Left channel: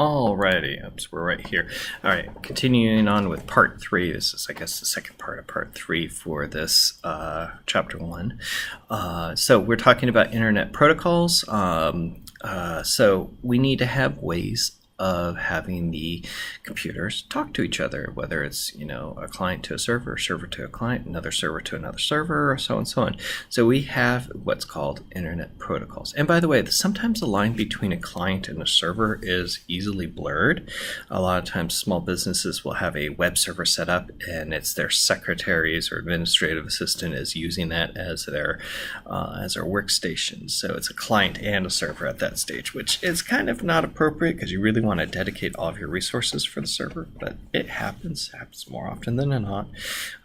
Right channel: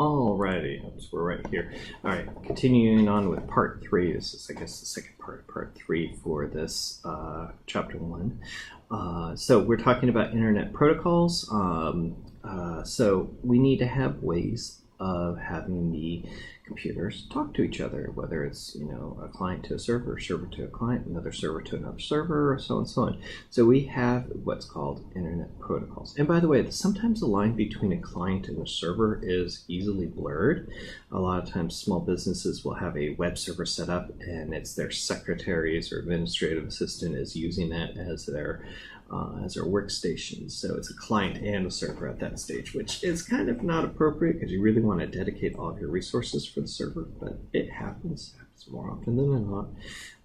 Alrighty, oops, we're right here. All right, continuing on with part 3. This is, I guess, the second part of part 3 for this chapter 1. So we're talking about internet protocols. So we need to have ways of having the computers talk to each other, whether it's, a client to a server to a client, another server to another server, so on and so on. So we have what's called internet protocols. And by the way, sometimes the line between a client and a server is easily blurred. A lot of times small businesses will have a web server set up and it's their secretaries or administrative assistant is using that as their workstation. So it's a client and a server at that stage, which is kind of not appropriate because you really want to dedicate all of your resources for the server, but it happens more often than not.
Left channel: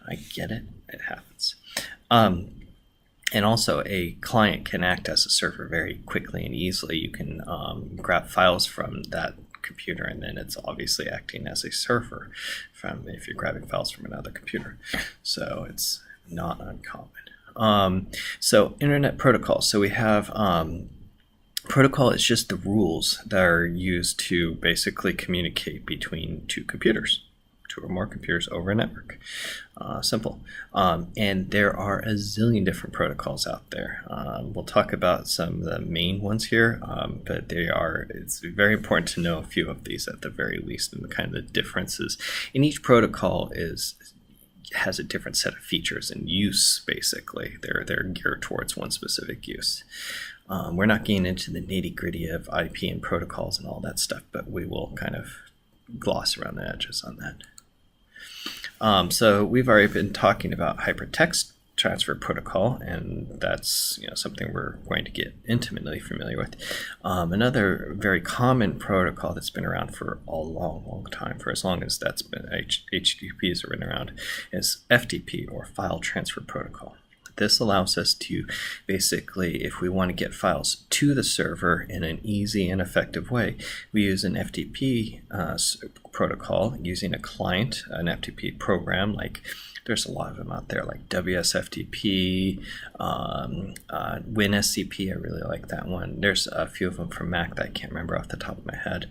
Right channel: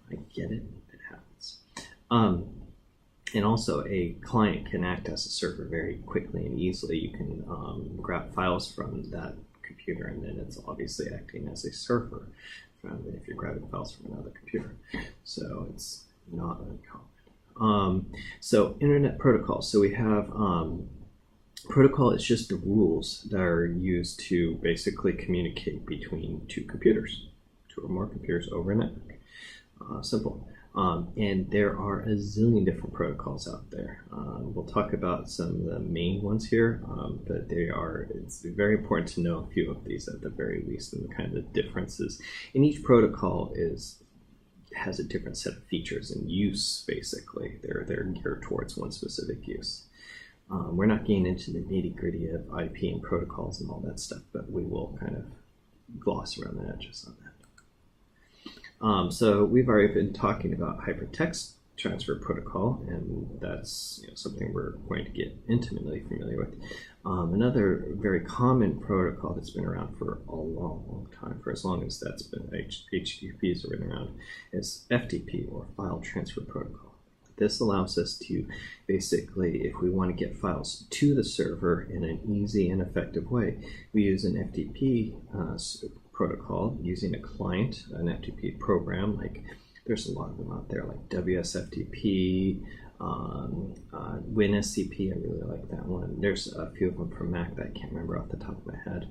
I get it, it happens. And also a client can act as a server very quickly and easily. You can grab files from that computer and then it's obviously acting as a server if you're grabbing files from another computer. So it's not uncommon. So internet protocols. So we have protocol is just the rules that are used to basically communicate between two or more computers over a network. Simple. And there are a zillion different protocols out there. We'll talk about some of the main ones here, but it's very important to know a few of these at the very least and the kind of differences. And each protocol has a different set of features and use, basically. They're geared towards one specific use. We're not getting into the nitty-gritty of IP and protocols and all that stuff, but we will kind of gloss around the edges on that. So we've already been talking about hypertext transfer protocol, and that's something we're going to get intimately familiar with. Another very common protocol that's been around for a long time, for as long as that's been HTTPs have been around, is FTP, or File Transfer Protocol. This allows us to basically, if we want to get files to the server in an easy and effective way, we use an FTP protocol using a client, an FTP program. Like there's a lot of them out there, like WSFTP, WinSCP. I really like that one. There's a few of them from Mac that I can't remember off the top of my head.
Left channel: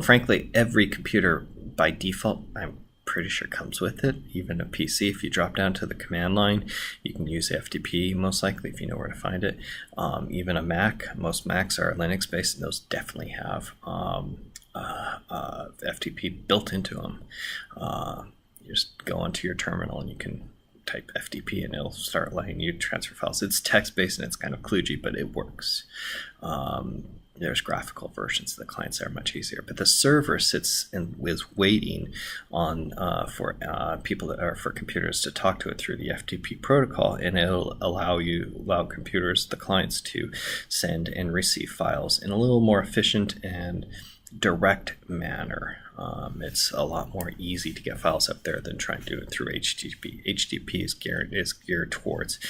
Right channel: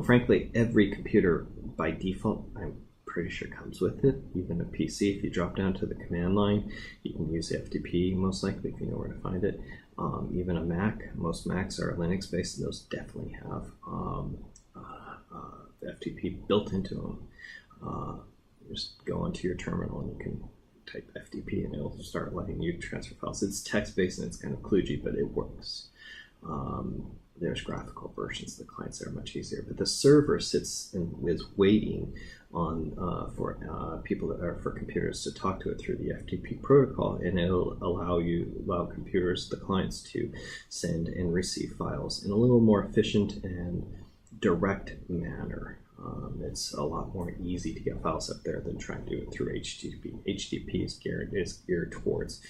Frankly, every computer by default, I'm pretty sure comes with it. Even a PC, if you drop down to the command line, you can use FTP most likely if you know where to find it. Even a Mac, most Macs are Linux based and those definitely have FTP built into them. You just go onto your terminal and you can type FTP and it'll start letting you transfer files. It's text based and it's kind of kludgy, but it works. There's graphical versions of the clients that are much easier, but the server sits and is waiting on for computers to talk to it through the FTP protocol, and it'll allow computers, the clients, to send and receive files in a little more efficient and direct manner. It's a lot more easy to get files up there than trying to do it through HTTP. HTTP is geared towards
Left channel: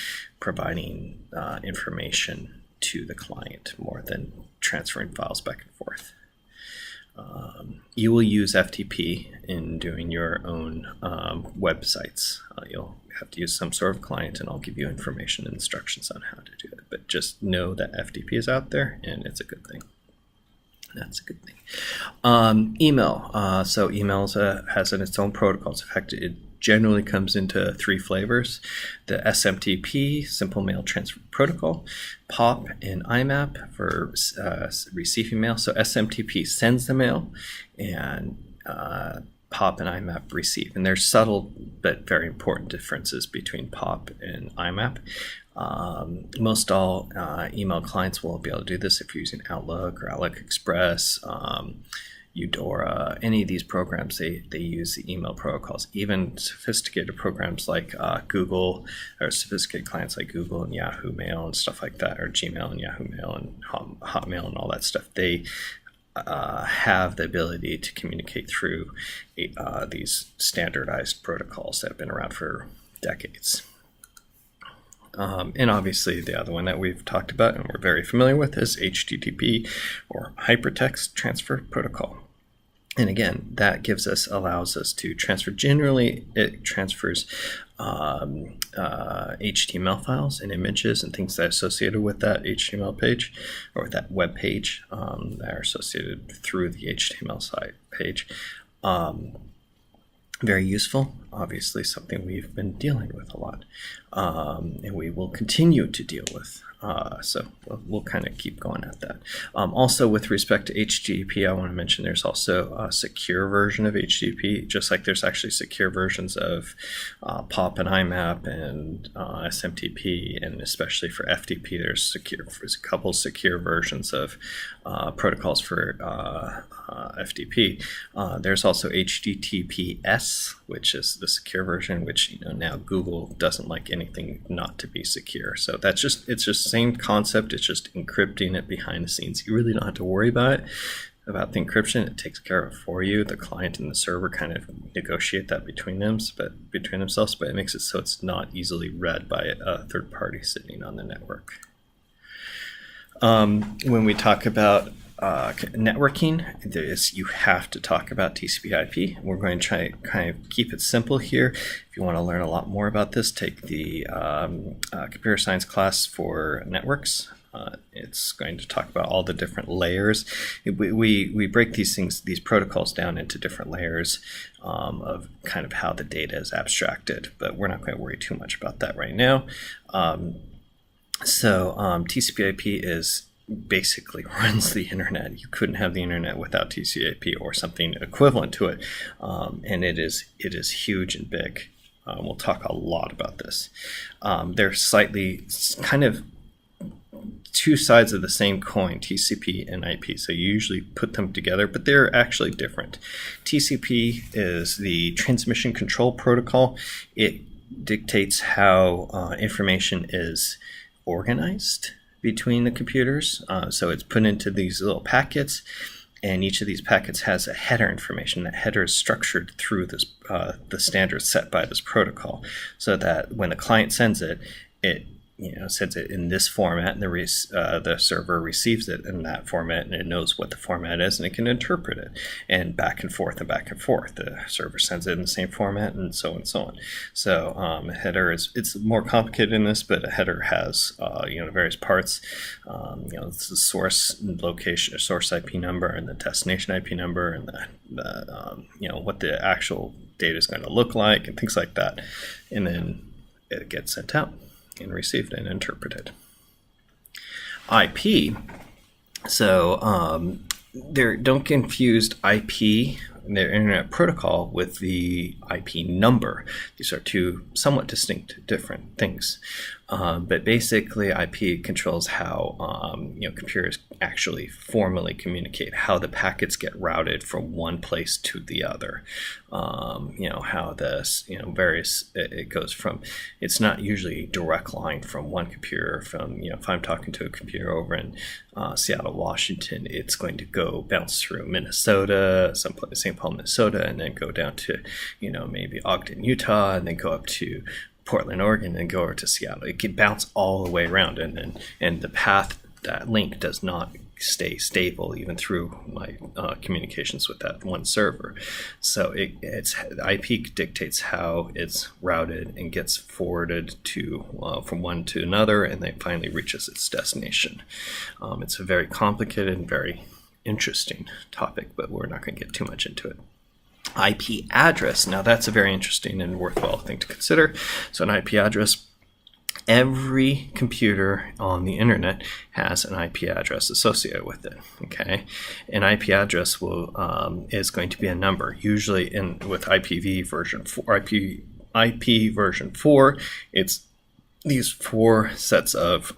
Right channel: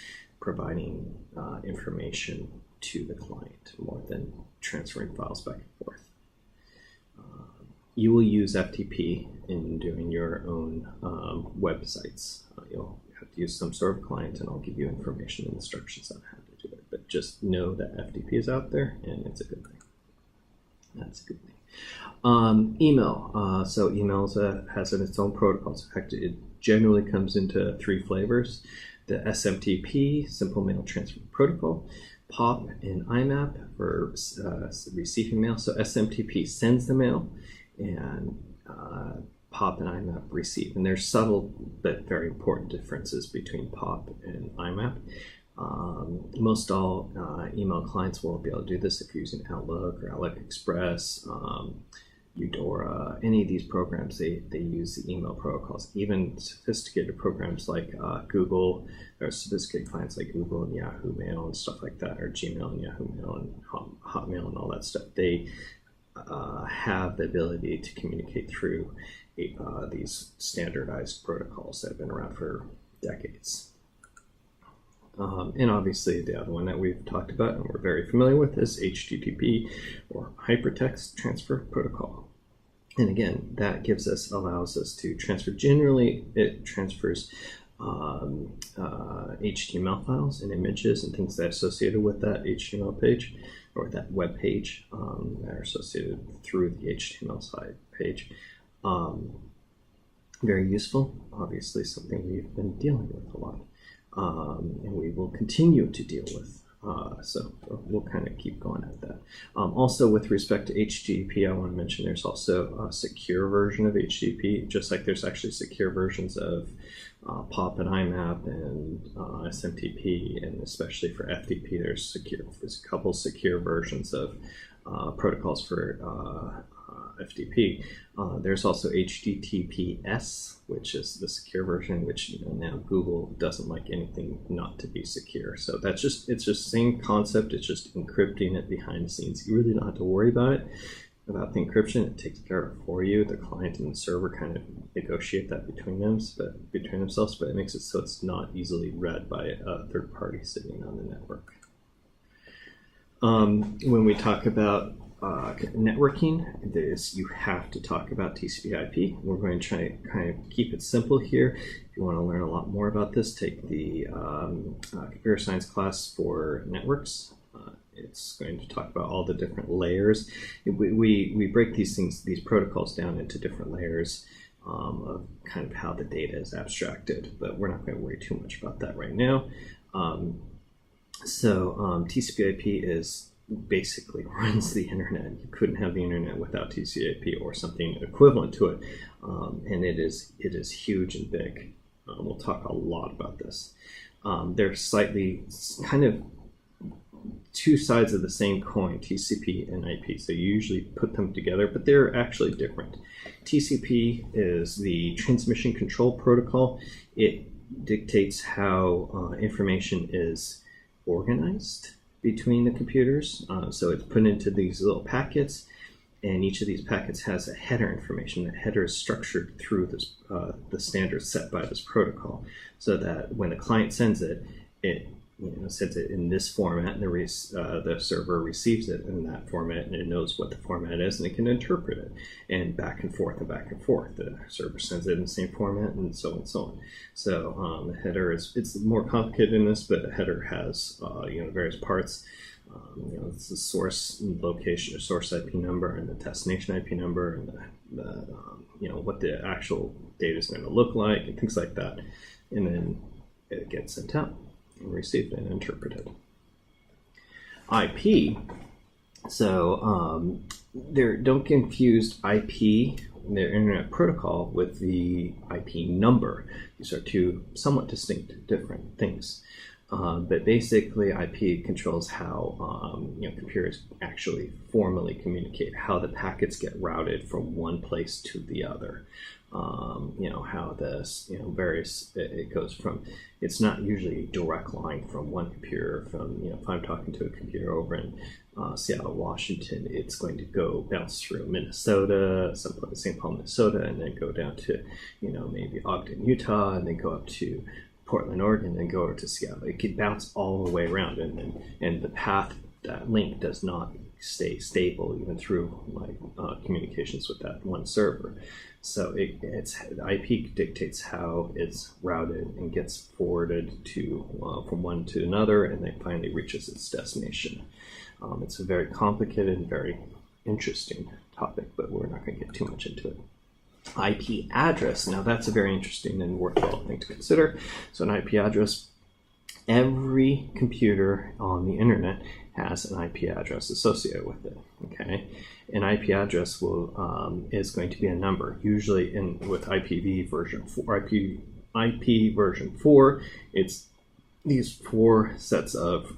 providing information to the client more than transferring files back and forth. You will use FTP in doing your own websites. You'll have to use some sort of client, and I'll give you information and instructions on how to do it. But just know that FTP is out there, and it's a good thing. That's a good thing. Email. So email has its own protocols. In fact, it generally comes into 3 flavors: the SMTP, Simple Mail Transfer Protocol, POP, and IMAP for receiving mail. So SMTP sends the mail, and POP and IMAP receive. And there's subtle but very important differences between POP and IMAP. Most all email clients will be able to do this if you're using Outlook or Outlook Express, Eudora, any of these programs, they use the email protocols. Even sophisticated programs like Google, or sophisticated clients like Google and Yahoo Mail and stuff like that, or Gmail and Yahoo Mail and Hotmail and all that stuff, they have the ability to communicate through these standardized protocols that have been around for decades. And obviously the other one that we've talked about and we're very familiar with is HTTP, or Hypertext Transfer Protocol. And again, that allows us to transfer. Generally, it transfers HTML files and images and things that are associated with that HTML page or with that web page that are associated through the HTML site page. Very useful, obviously something we've been dealing with a lot, and we will continue to deal with. So we'll kind of keep going at that. Also, with respect to HTTP, I want to mention there's also a secure version of HTTP, just like there's actually secure versions of POP and IMAP and SMTP, and especially for FTP, there's a couple secure versions of protocols for FTP. There's also HTTPS, which is the secure version, which now Google doesn't like anything not to be secure. So it's just the same concept. It's just encrypting it behind the scenes. You really don't have to worry about the encryption. It takes care of it for you. The client and the server kind of negotiate that between themselves, but it makes it so it's not easily read by a third party sitting on the network. When we talk about networking, you have to talk about TCP/IP. We're going to try kind of keep it simple here. If you want to learn a lot more about this, take the computer science class for networks. It's going to talk about all the different layers. We break these protocols down into different layers of kind of how the data is abstracted, but we're not going to worry too much about that right now. TCP/IP is basically runs the internet. You couldn't have the internet without TCP/IP or something equivalent to it, and it is huge and big. We'll talk a lot about this. They're slightly kind of two sides of the same coin, TCP and IP. So you usually put them together, but they're actually different. TCP is the transmission control protocol. It dictates how information is organized between the computers. So it's put into these little packets, and each of these packets has a header information. That header is structured through this the standards set by this protocol, so that when the client sends it, it sends it in this format, and the server receives it in that format, and it knows what the format is, and it can interpret it, and back and forth and back and forth. The server sends it in the same format, and so on and so on. So a header it's more complicated in this, but a header has various parts. It's the source location or source IP number, and the destination IP number, and the what the actual data is going to look like, and things like that, and then it gets sent out and received and interpreted. IP. So don't confuse IP, their internet protocol, with the IP number. These are two somewhat distinct, different things. But basically, IP controls how computers actually formally communicate, how the packets get routed from one place to the other. How this, it goes from, it's not usually a direct line from one computer from, if I'm talking to a computer over in Seattle, Washington, it's going to bounce through Minnesota, St. Paul, Minnesota, and then go down to, maybe Ogden, Utah, and then go up to Portland, Oregon, and go over to Seattle. It can bounce all the way around, and the path, that link does not stay stable even through my communications with that one server. So IP dictates how it's routed and gets forwarded to from one to another, and then finally reaches its destination. It's a very complicated and very interesting topic, but we're not going to get too much into it. IP address. Now that's a very interesting and worthwhile thing to consider. So an IP address, every computer on the internet has an IP address associated with it. Okay, an IP address is going to be a number. Usually with IPv version 4, IP version 4, it's these four sets of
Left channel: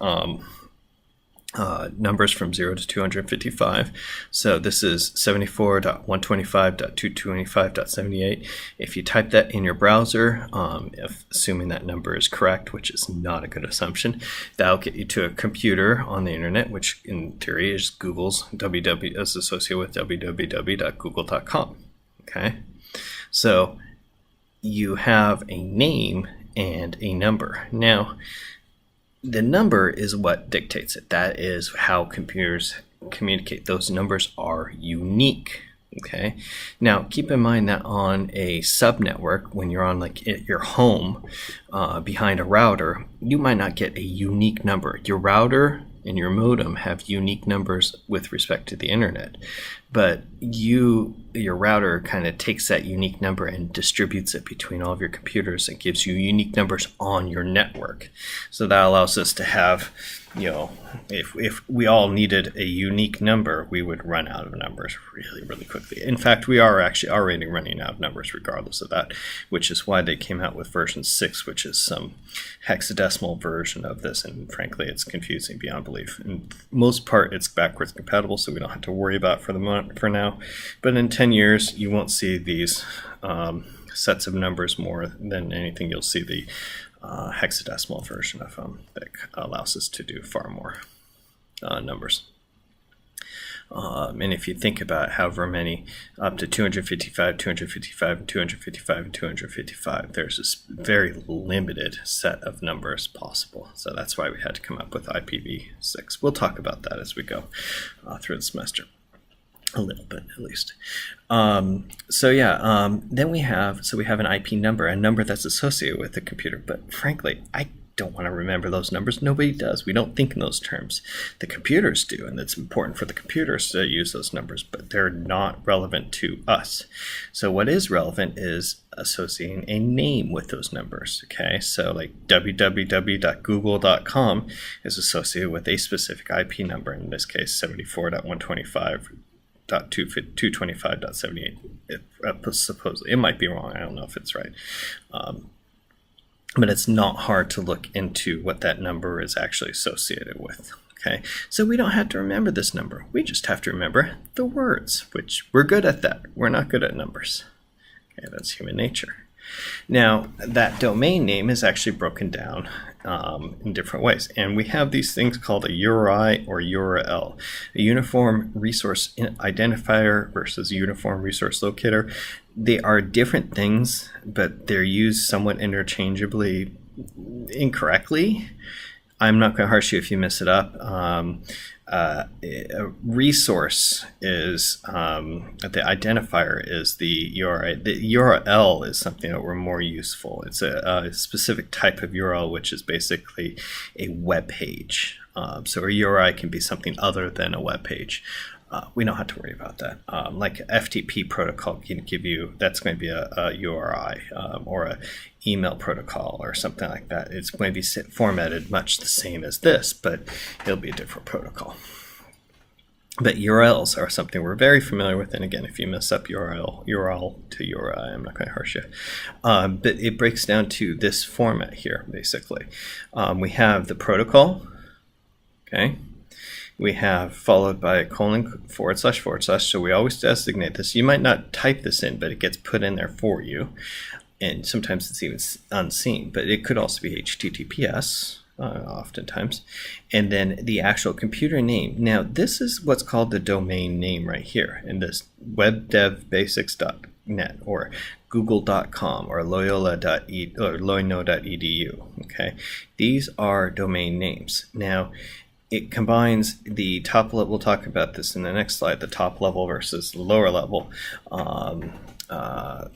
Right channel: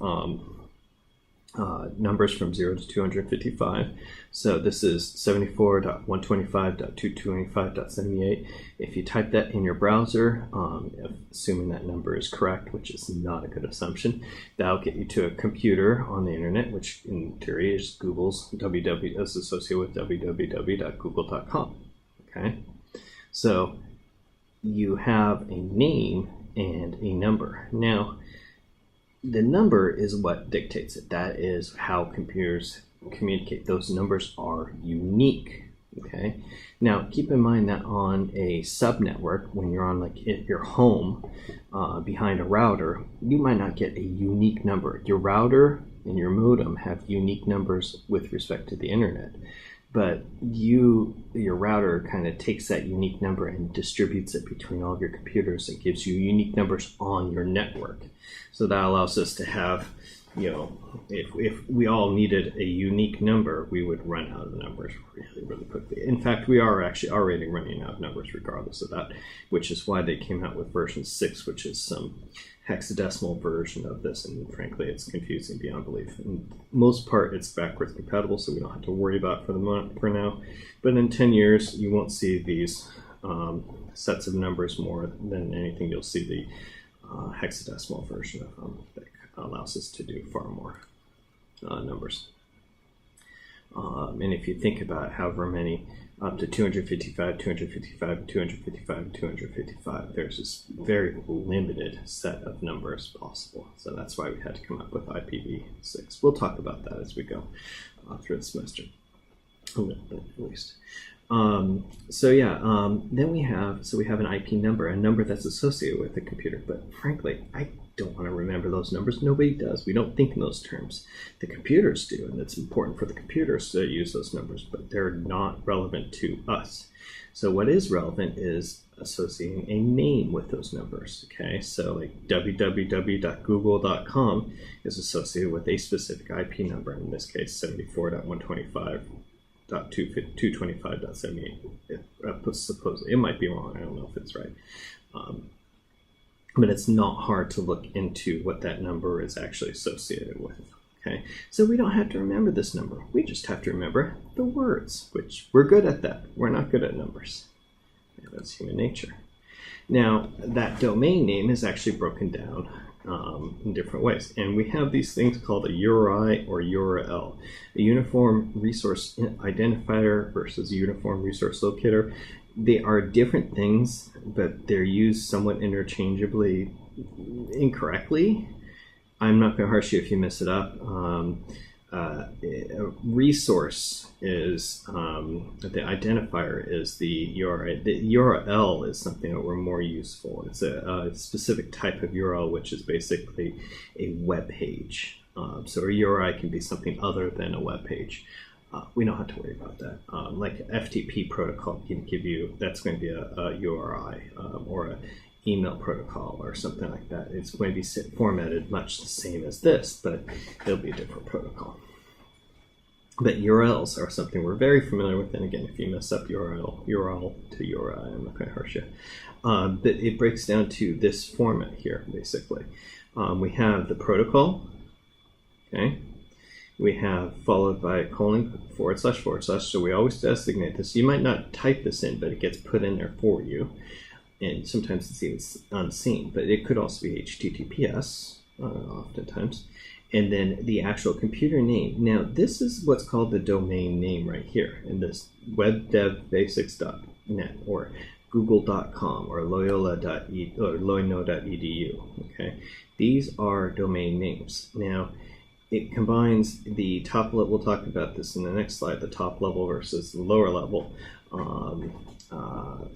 numbers from 0 to 255. So this is 74.125.225.78. If you type that in your browser, assuming that number is correct, which is not a good assumption, that'll get you to a computer on the internet, which in theory is Google's is associated with www.google.com. Okay, so you have a name and a number. Now, the number is what dictates it. That is how computers communicate. Those numbers are unique. Okay, now keep in mind that on a subnetwork, when you're on like at your home behind a router, you might not get a unique number. Your router and your modem have unique numbers with respect to the internet, but your router kind of takes that unique number and distributes it between all of your computers and gives you unique numbers on your network. So that allows us to have, if we all needed a unique number, we would run out of numbers really, really quickly. In fact, we are actually already running out of numbers regardless of that, which is why they came out with version 6, which is some hexadecimal version of this, and frankly, it's confusing beyond belief. In most part, it's backwards compatible, so we don't have to worry about it for now. But in 10 years, you won't see these sets of numbers more than anything. You'll see the hexadecimal version of them that allows us to do far more numbers. And if you think about however many, up to 255, 255, and 255, and 255, there's this very limited set of numbers possible. So that's why we had to come up with IPv6. We'll talk about that as we go through the semester. A little bit, at least. Then we have an IP number, a number that's associated with the computer. But frankly, I don't want to remember those numbers. Nobody does. We don't think in those terms. The computers do, and it's important for the computers to use those numbers, but they're not relevant to us. So what is relevant is associating a name with those numbers. Okay, so like www.google.com is associated with a specific IP number, in this case 74.125.225.78. Supposedly, it might be wrong. I don't know if it's right. But it's not hard to look into what that number is actually associated with. Okay, so we don't have to remember this number. We just have to remember the words, which we're good at that. We're not good at numbers. Okay, that's human nature. Now, that domain name is actually broken down in different ways. And we have these things called a URI or URL, a uniform resource identifier versus uniform resource locator. They are different things, but they're used somewhat interchangeably incorrectly. I'm not going to harsh you if you mess it up. A resource is the identifier is the URI. The URL is something that we're more useful. It's a specific type of URL, which is basically a web page. So a URI can be something other than a web page. We don't have to worry about that. Like FTP protocol can give you, that's going to be a URI or a email protocol or something like that. It's going to be formatted much the same as this, but it'll be a different protocol. But URLs are something we're very familiar with, and again, if you mess up URL to URI, I'm not going to harsh you. But it breaks down to this format here, basically. We have the protocol, okay? We have followed by a colon / / so we always designate this. You might not type this in, but it gets put in there for you. And sometimes it's even unseen, but it could also be HTTPS oftentimes. And then the actual computer name. Now, this is what's called the domain name right here in this webdevbasics.net or google.com or loyola.edu. Okay, these are domain names. Now, it combines the top level, we'll talk about this in the next slide, the top level versus the lower level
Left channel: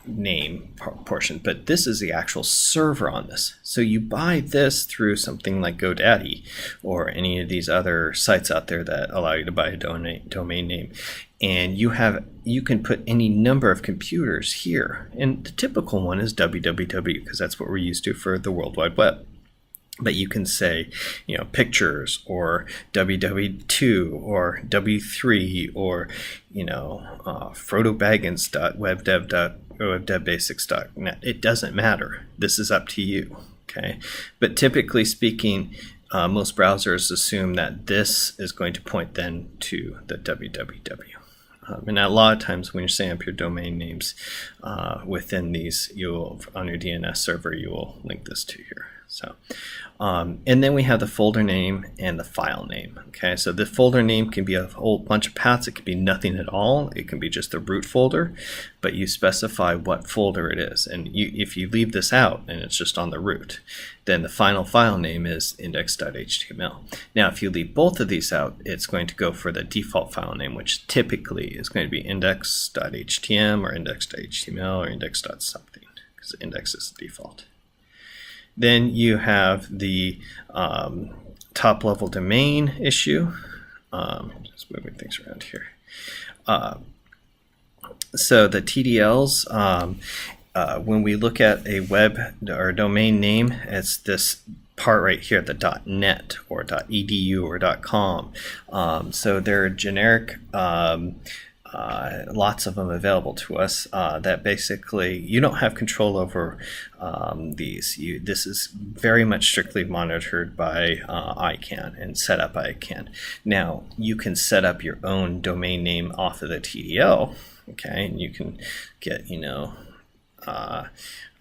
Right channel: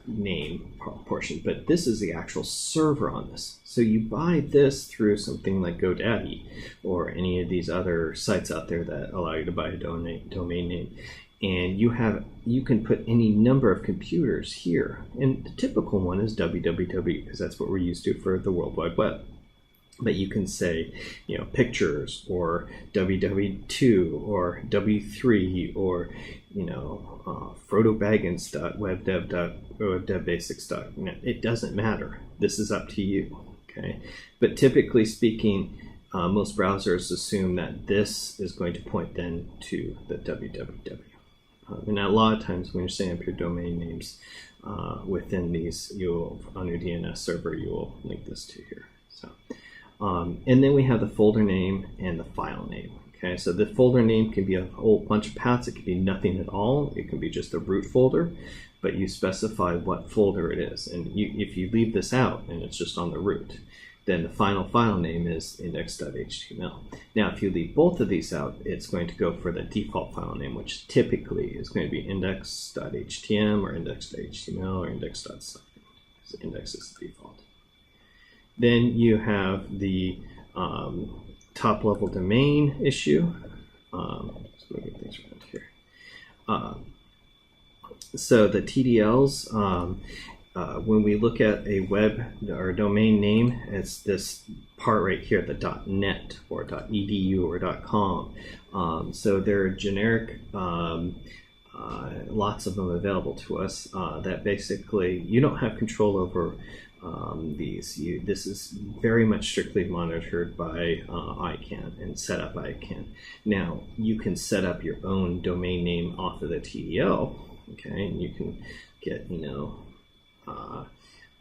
name portion, but this is the actual server on this. So you buy this through something like GoDaddy or any of these other sites out there that allow you to buy a domain name, and you can put any number of computers here, and the typical one is www because that's what we're used to for the World Wide Web. But you can say, pictures or www2 or w3 or, frodobaggins.webdevbasics.net. It doesn't matter. This is up to you, okay? But typically speaking, most browsers assume that this is going to point then to the www. And a lot of times when you're setting up your domain names within these, on your DNS server, you will link this to here. So, And then we have the folder name and the file name. Okay, so the folder name can be a whole bunch of paths. It can be nothing at all. It can be just the root folder, but you specify what folder it is. And if you leave this out and it's just on the root, then the final file name is index.html. Now, if you leave both of these out, it's going to go for the default file name, which typically is going to be index.htm or index.html or index.something, because index is the default. Then you have the top level domain issue. Just moving things around here. So the TDLs, when we look at a web or domain name, it's this part right here, the .net or .edu or .com. So they're generic, lots of them available to us, that basically you don't have control over these. This is very much strictly monitored by ICANN and set up by ICANN. Now, you can set up your own domain name off of the TDL, okay, and you can get,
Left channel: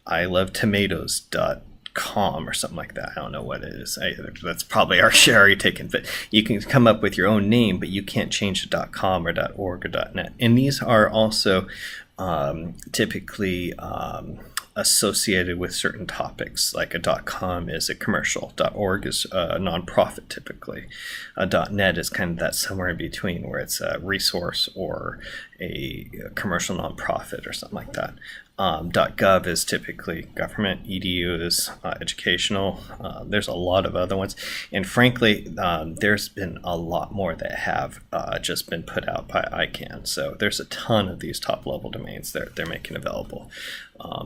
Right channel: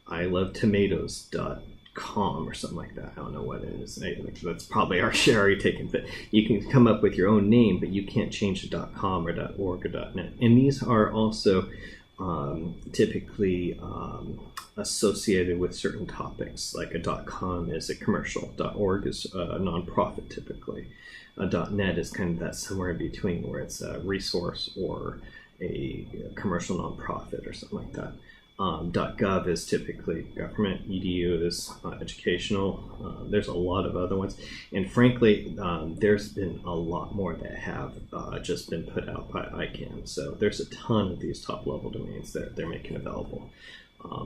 ilovetomatoes.com or something like that. I don't know what it is. That's probably already taken, but you can come up with your own name, but you can't change the .com or .org or .net. And these are also typically associated with certain topics, like a .com is a commercial, .org is a nonprofit typically, .net is kind of that somewhere in between where it's a resource or a commercial nonprofit or something like that. .gov is typically government, edu is educational. There's a lot of other ones, and frankly there's been a lot more that have just been put out by ICANN. So there's a ton of these top level domains they're making available.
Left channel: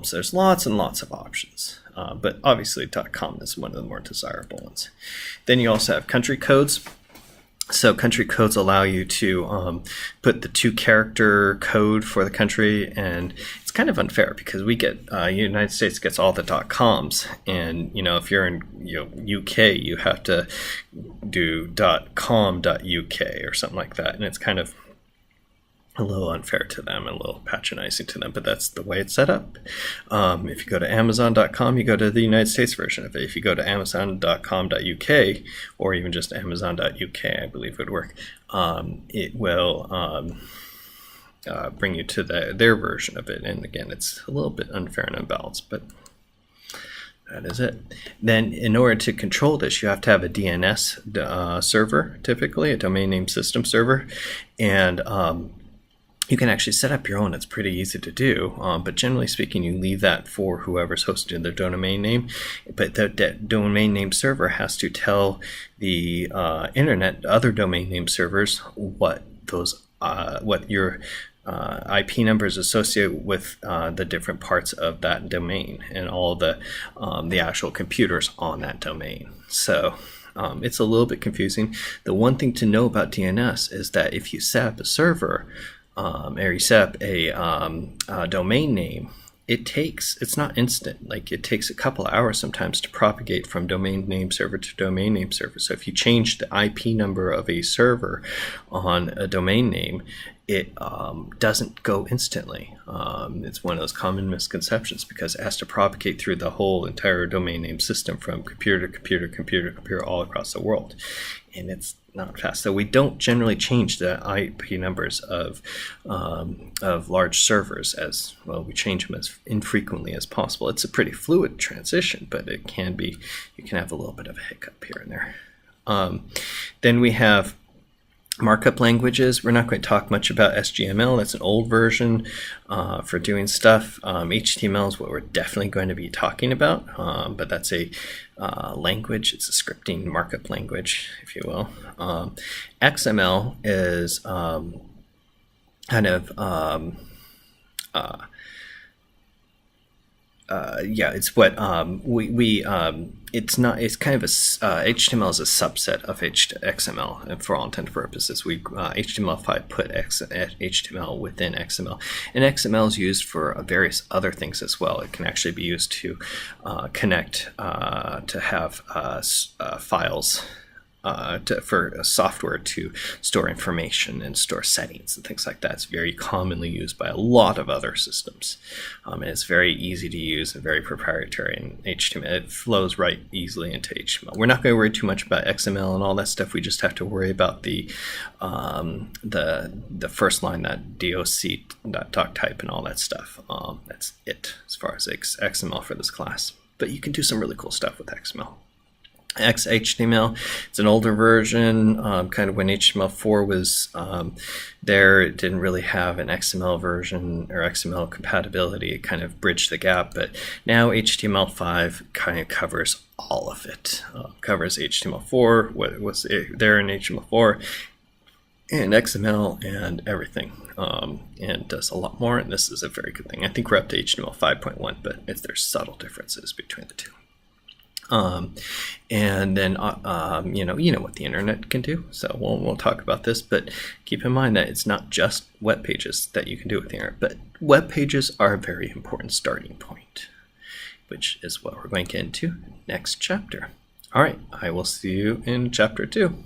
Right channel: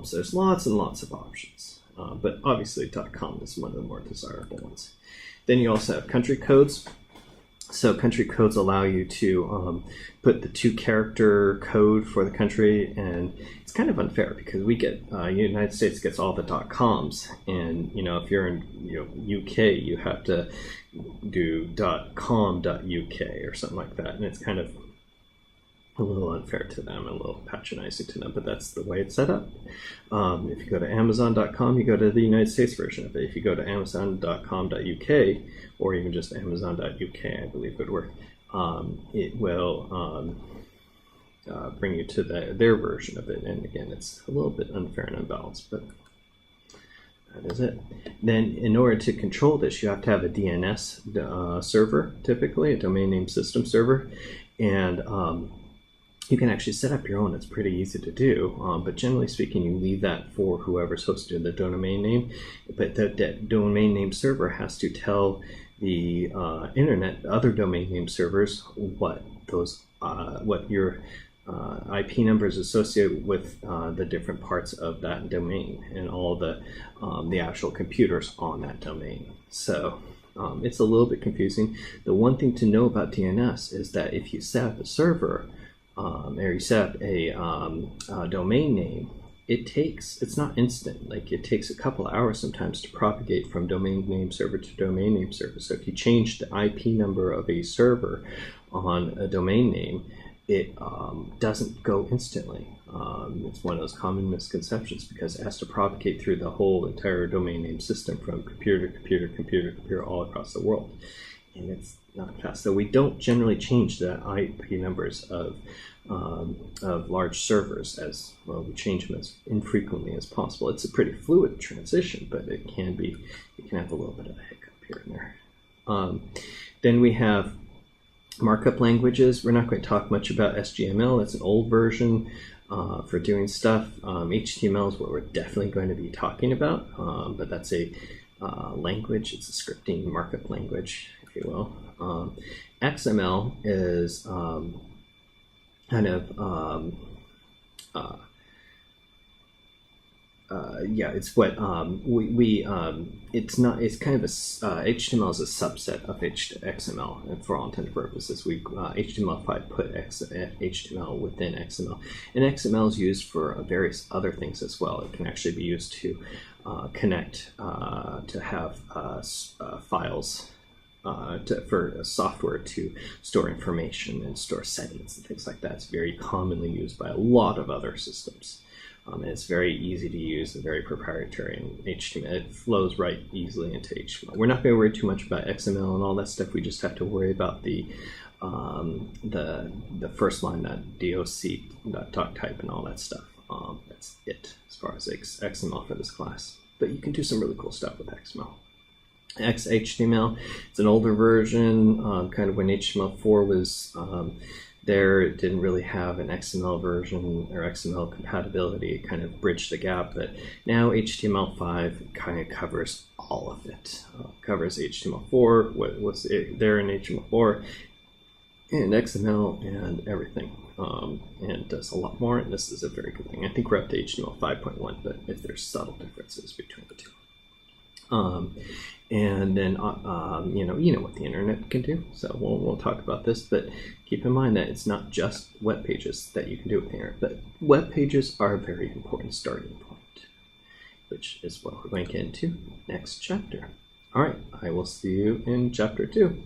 So there's lots and lots of options, but obviously .com is one of the more desirable ones. Then you also have country codes. So country codes allow you to put the 2-character code for the country, and it's kind of unfair because we get United States gets all the .coms, and if you're in UK, you have to do .com.uk or something like that, and it's kind of a little unfair to them, a little patronizing to them, but that's the way it's set up. If you go to Amazon.com, you go to the United States version of it. If you go to Amazon.com.uk or even just Amazon.uk, I believe would work, it will bring you to their version of it. And again, it's a little bit unfair and unbalanced, but that is it. Then in order to control this, you have to have a DNS server, typically a domain name system server, and you can actually set up your own. It's pretty easy to do, but generally speaking, you leave that for whoever's hosting their domain name. But that domain name server has to tell the internet, other domain name servers, what your IP numbers associated with the different parts of that domain and all the actual computers on that domain. So it's a little bit confusing. The one thing to know about DNS is that if you set up a server, or you set up a domain name, it's not instant. Like, it takes a couple hours sometimes to propagate from domain name server to domain name server. So if you change the IP number of a server on a domain name, it doesn't go instantly. It's one of those common misconceptions because it has to propagate through the whole entire domain name system from computer to computer, computer to computer all across the world. And it's not fast. So we don't generally change the IP numbers of large servers as well. We change them as infrequently as possible. It's a pretty fluid transition, but it can be, you can have a little bit of a hiccup here and there. Then we have markup languages. We're not going to talk much about SGML. It's an old version for doing stuff. HTML is what we're definitely going to be talking about, but that's a language. It's a scripting markup language, if you will. XML is kind of it's what it's kind of HTML is a subset of XML, and for all intents and purposes. HTML5 put HTML within XML, and XML is used for various other things as well. It can actually be used to connect to have files for software to store information and store settings and things like that. It's very commonly used by a lot of other systems. And it's very easy to use and very proprietary in HTML. It flows right easily into HTML. We're not going to worry too much about XML and all that stuff. We just have to worry about the first line, that doc type and all that stuff. That's it as far as XML for this class. But you can do some really cool stuff with XML. XHTML, it's an older version, kind of when HTML4 was there. It didn't really have an XML version or XML compatibility. It kind of bridged the gap, but now HTML5 kind of covers all of it. Covers HTML4, what's there in HTML4, and XML and everything, and does a lot more, and this is a very good thing. I think we're up to HTML 5.1, but there's subtle differences between the two. And then you know what the internet can do, so we'll talk about this, but keep in mind that it's not just web pages that you can do with the internet, but web pages are a very important starting point, which is what we're going to get into next chapter. All right, I will see you in chapter 2.